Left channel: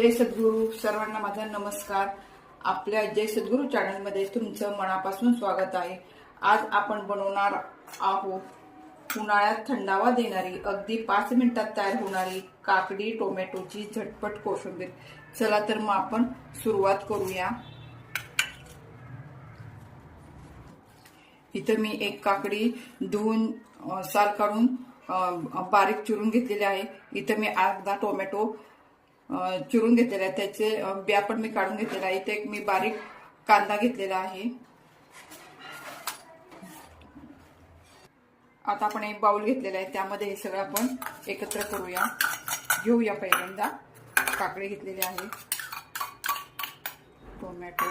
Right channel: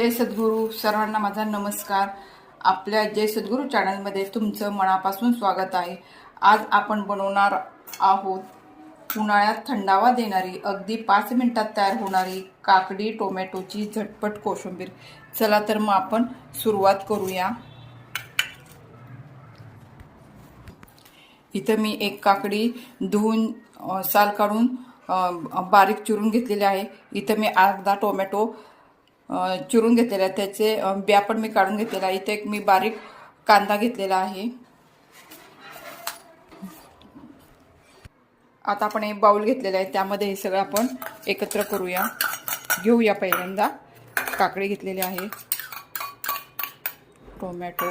जय सद्गुरू. सर्वांना माझा नमस्कार. आपल्या जय सद्गुरू चॅनलमध्ये तुमचं मनापासून स्वागत आहे. आज आपण बनवणार आहोत उन्हाळ्यात थंडावा देणारी, अगदी 5 मिनिटात तयार होणारी काकडी टोमॅटोची झटपट कोशिंबीर. चला तर मग आपण सुरुवात करूया. इथं मी एक काकडी धुवून साल काढून बारीक चिरून घेतलेले आहे. इथं मी अर्धा टोमॅटो चिरून घेतलेला आहे, त्याचे बिया पण मी काढून घेतलेला आहे. इथे एक मी बारीक कांदा घेतलेला आहे. आता आपण एक बाउल घेतलेला आहे, त्यामध्ये हे सगळं आपण एकत्र करूया. घेऊया. पहिल्यांदा काकडी घेतलेली आहे, टोमॅटो,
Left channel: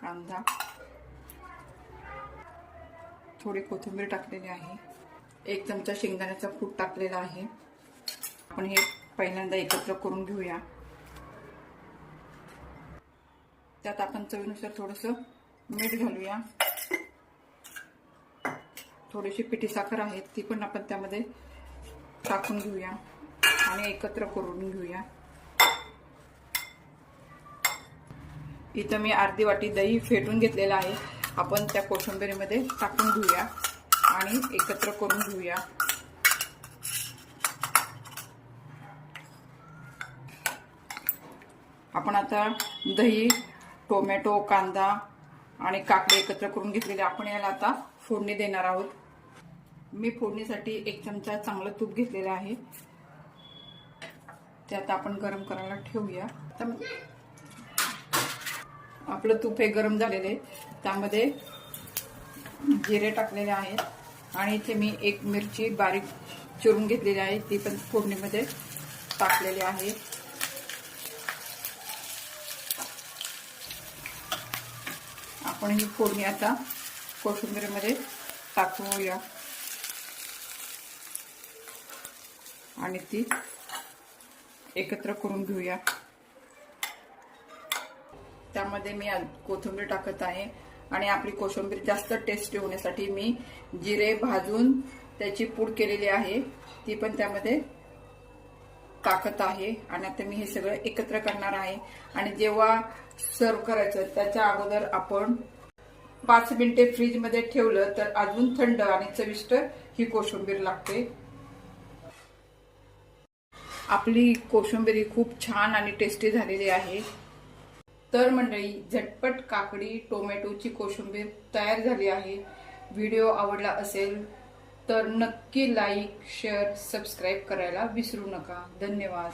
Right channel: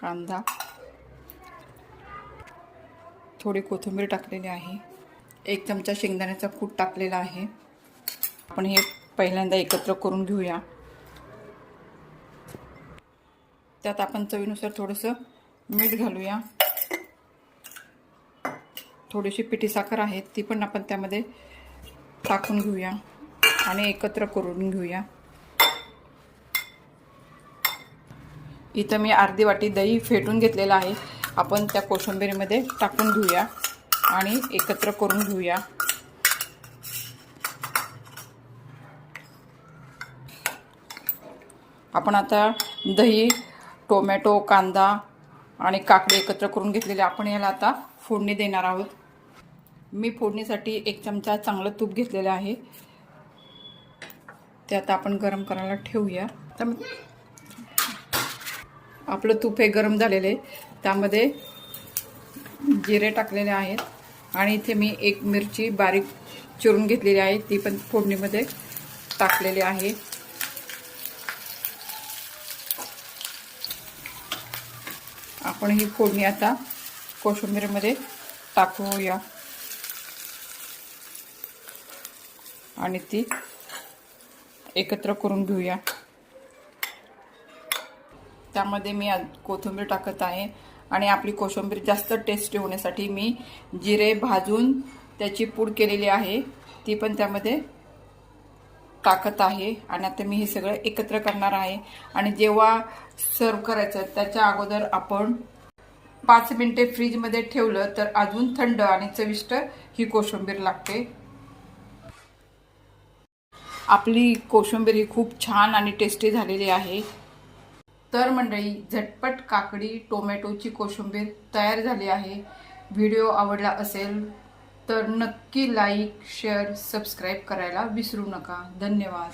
कांदा, थोडी कोथिंबीर टाकलेली आहे, 1 चमचा शेंगदाण्याचा कूट टाकलेला आहे. आपण हे पहिल्यांदा एकत्र करून घेऊया. त्यात आपण चवीनुसार थोडंसं मीठ घालूया. थोडीशी पिठी साखर आहे, ती पण आपण त्यामध्ये टाकून घेऊया आणि एकत्र करून घेऊया. इथं मी अर्धी वाटी दही फेटून घेतलेलं आहे, आपण त्या कोशिंबीरीमध्ये टाकून घेऊया आणि एकत्र करून घेऊया. आपण आता दही, टोमॅटो, कांदा आणि काकडी एकत्र करून घेतलेले, आपण याला आता फोडणी देणार आहोत. मी फोडणीसाठी 1 चमचा चांगलं तूप घेतलेलं आहे, ते आता आपण गरम करायला ठेवूया. आपलं तूप हे गरम झालेले, त्यामध्ये जिरे टाकलेले आहेत आणि इथे मी 1 मिरची बारीक चिरून घेतलेली आहे, ती पण फोडणीमध्ये टाकलेली आहे. आपण ही फोडणी आता कोशिंबीरमध्ये टाकूया आणि ती एकत्र करून घेऊया. त्यामध्ये मी कोथिंबीर टाकत आहे आणि आपली कोशिंबीर जास्त टेस्टी होण्यासाठी मी जिरे भाजून त्याची पूड केलेली आहे, ती पण त्यामध्ये टाकत आहे. आणि आता मी हे सगळं एकत्र करणार आहे. आणि जेव्हा सर्व करायचं त्याच्या अगोदर आपण 5 मिनिटे फ्रीजमध्ये ठेवलं तर अजून थंड आणि चविष्ट ही कोशिंबीर लागते. आपली कोशिंबीर ही खूप छान आणि टेस्टी झालेली आहे. तर मंडळी, झटपट काकडी टोमॅटोची कोशिंबीर तयार झाली आहे. व्हिडिओ आवडला असेल तर नक्की लाईक, शेअर, सबस्क्राईब करायला विसरू नका. धन्यवाद.